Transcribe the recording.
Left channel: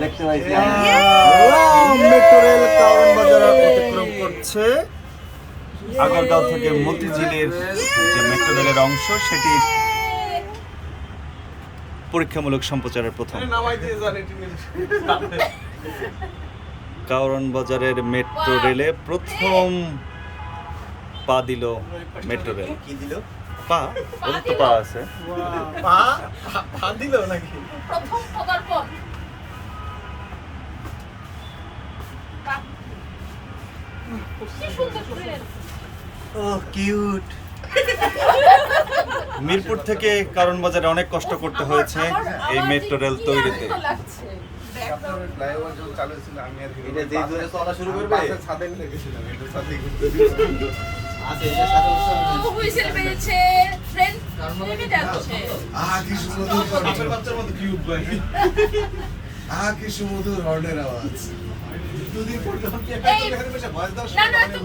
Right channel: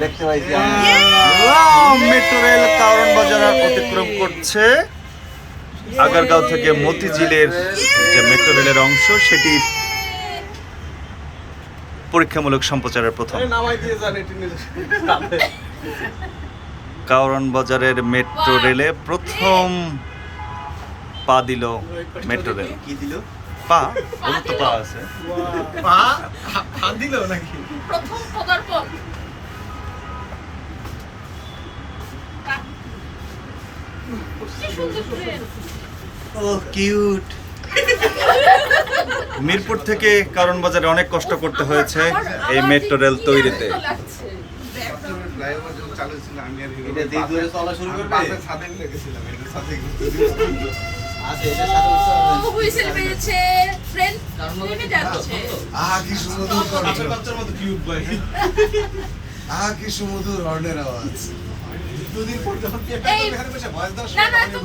দেখতে পাইছি metro rail কারণ বাজার অতিক্রম করছে। আগারগাঁও থেকে মতিঝিলের যে মেট্রো রেলের অংশ সেটির পরীক্ষামূলক সম্প্রচারের প্রথম। কারণ বাজারের মেট্রো রেলে প্রথম পা দিল মেট্রো রেল। কি দিল? পা ওর তো পা আছে। প্রথম পদার্পণ। কি সুন্দর ট্রেন। ও কিউট। মিরপুর থেকে কারণ বাজারে অনেক কষ্ট করতে হয়েছে এই মেট্রো রেল তৈরিতে। লাগছে। দেখো। ফ্লাইওভার যখন চালু হয়েছিল আমি আর এটা দিয়ে ধরে চলা শুরু করবে? বাসের ছাদে মিলে গেছিলাম এটা ছাদে আছে এটা সাথে ও হুইসেল মেরেছে। ট্রেন নেমে যাচ্ছে। কি সুমধুর বাচ্চার বাচ্চার মতো কিউট ভাই। কি সুমধুর হর্নের আওয়াজ দুদিন পর যখন এই না না তো